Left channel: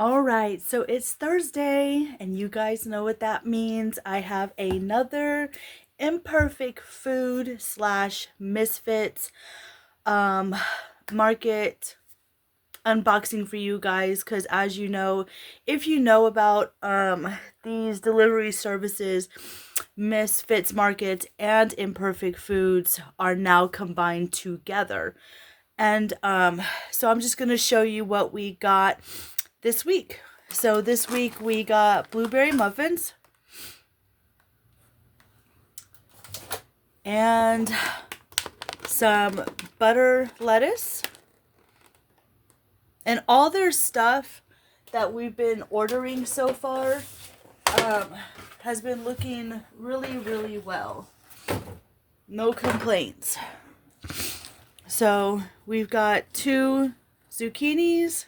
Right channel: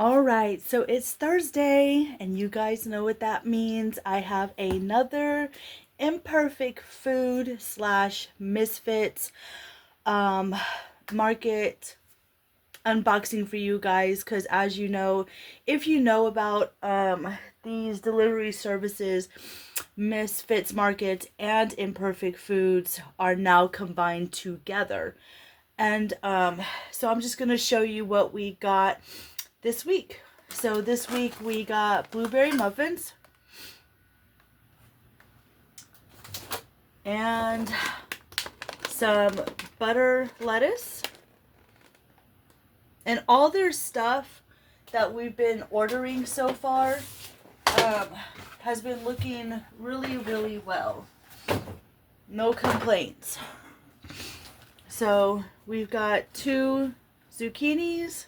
All right, so it's Thursday, and you guys know what that means. I have another imperfect food slash misfits um market unboxing for you guys, because as you know, if you know about these delivery services, Misfits Market and Imperfect Foods are now combined together. And so I'm just gonna show you what we got this week. So this week we got blueberry muffins and some butter lettuce, and all their stuff that we've been ordering so far um, has been looking really well. No complaints. So we've got 2 zucchinis,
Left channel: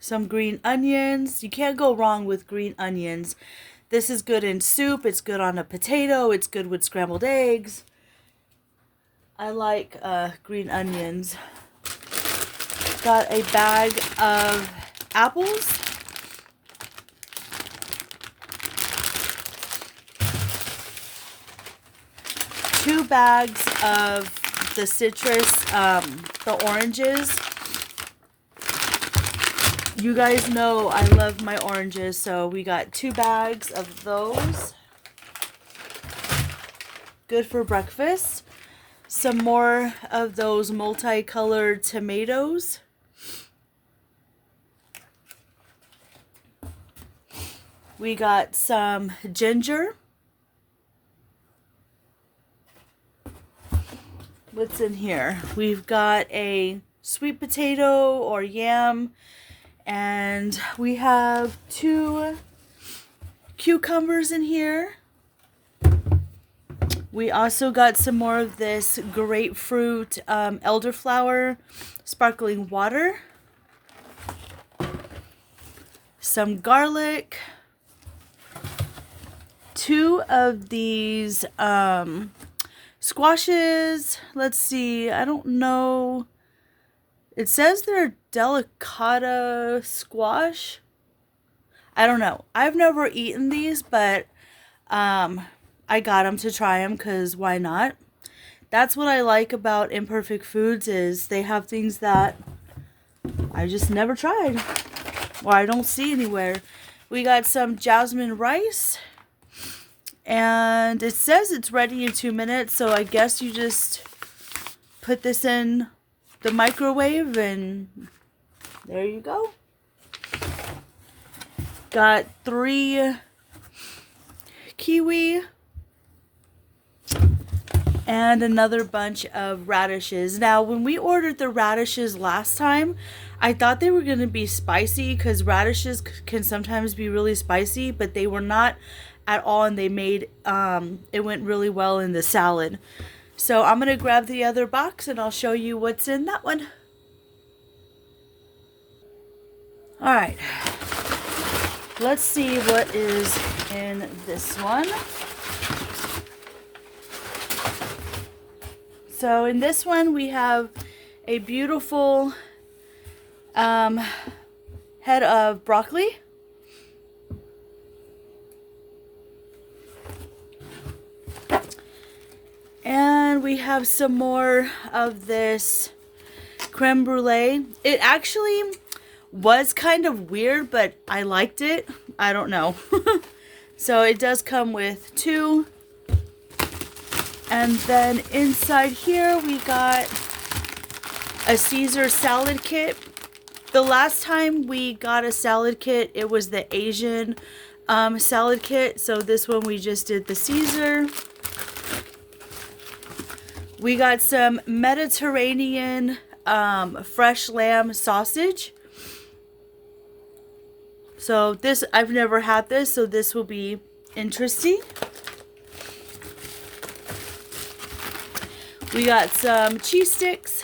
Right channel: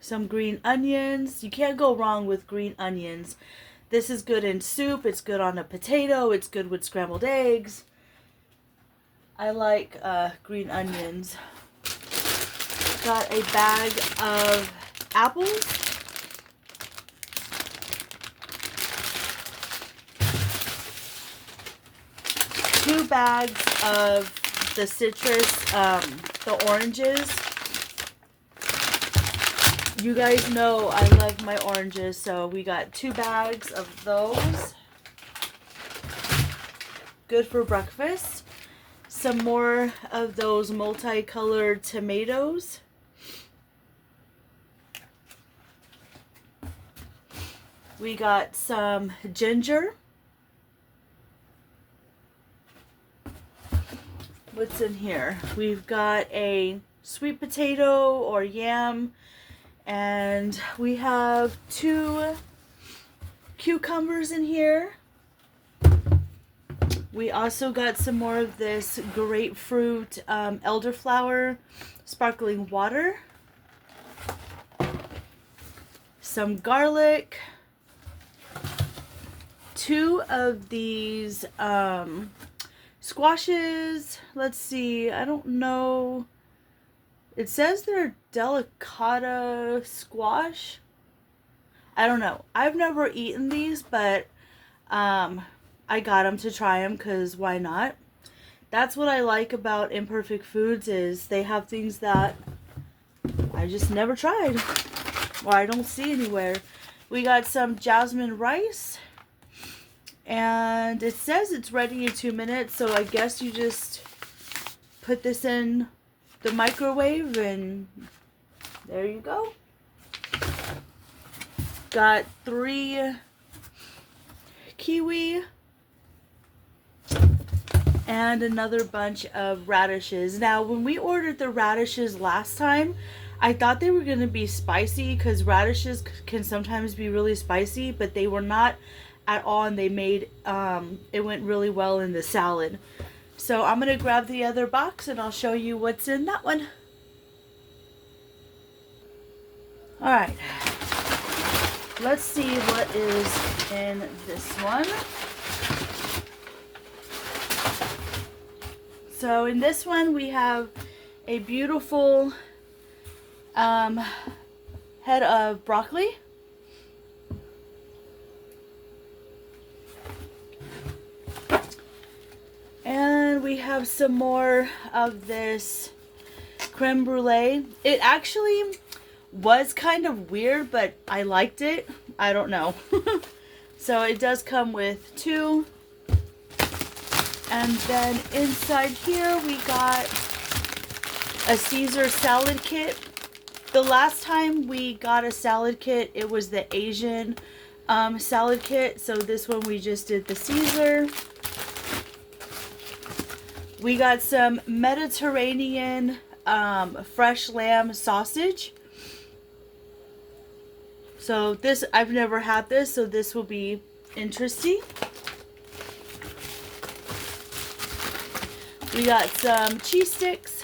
some green onions. You can't go wrong with green onions. This is good in soup, it's good on a potato, it's good with scrambled eggs. I like green onions. Got a bag of apples. Two bags of the citrus, the oranges. You guys know I love my oranges, so we got 2 bags of those. Good for breakfast. Some more of those multicolored tomatoes. We got some ginger. What's in here? We've got a sweet potato or yam, and we have 2 cucumbers in here. We also got some more of this grapefruit elderflower sparkling water, some garlic, 2 of these squashes. Let's see, I don't know. It says they're delicata squash. I don't know. I've never eaten these, but I got them to try them because why not? That's what I like about Imperfect Foods, is they have things that I just never tried or I don't see anywhere. We got some jasmine rice, and it says it's ready in 2 minutes, so I guess you just put this in the microwave and there you go. Got 3 kiwi and another bunch of radishes. Now, when we ordered the radishes last time, I thought they were going to be spicy, because radishes can sometimes be really spicy, but they were not at all, and they made it went really well in the salad. So I'm going to grab the other box and I'll show you what's in that one. All right. Let's see what is in this one. So in this one we have a beautiful head of broccoli. And we have some more of this creme brulee. It actually was kind of weird, but I liked it. I don't know. So it does come with 2. And then inside here we got a Caesar salad kit. The last time we got a salad kit, it was the Asian salad kit. So this one we just did the Caesar. We got some Mediterranean fresh lamb sausage. So this, I've never had this, so this will be interesting. We got some cheese sticks.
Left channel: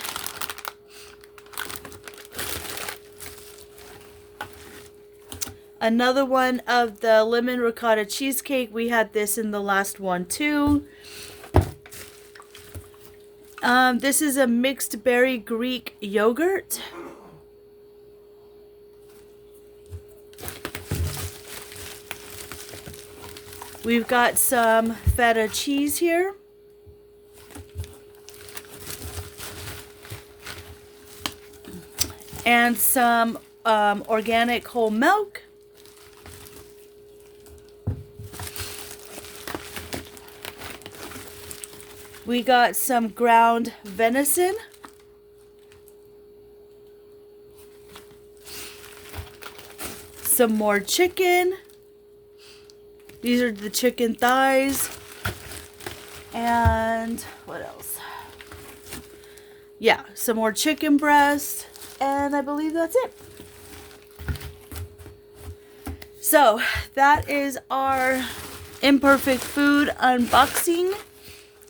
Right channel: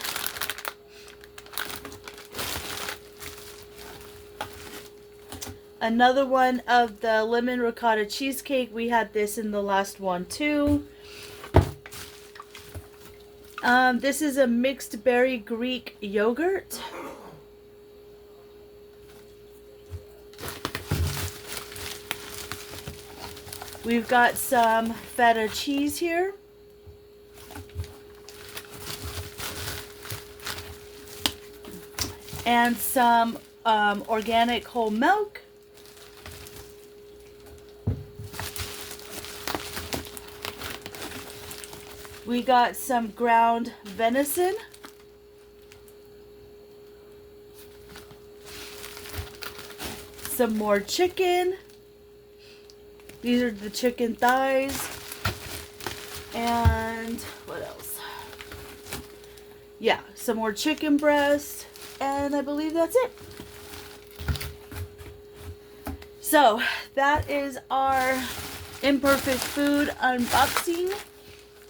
Another one of the lemon ricotta cheesecake. We had this in the last one too. This is a mixed berry Greek yogurt. We've got some feta cheese here. And some organic whole milk. We got some ground venison. Some more chicken. These are the chicken thighs. And what else? Yeah, some more chicken breast. And I believe that's it. So that is our Imperfect Food unboxing.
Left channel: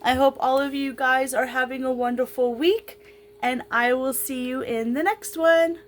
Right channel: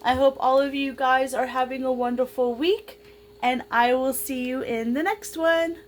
I hope all of you guys are having a wonderful week. And I will see you in the next one.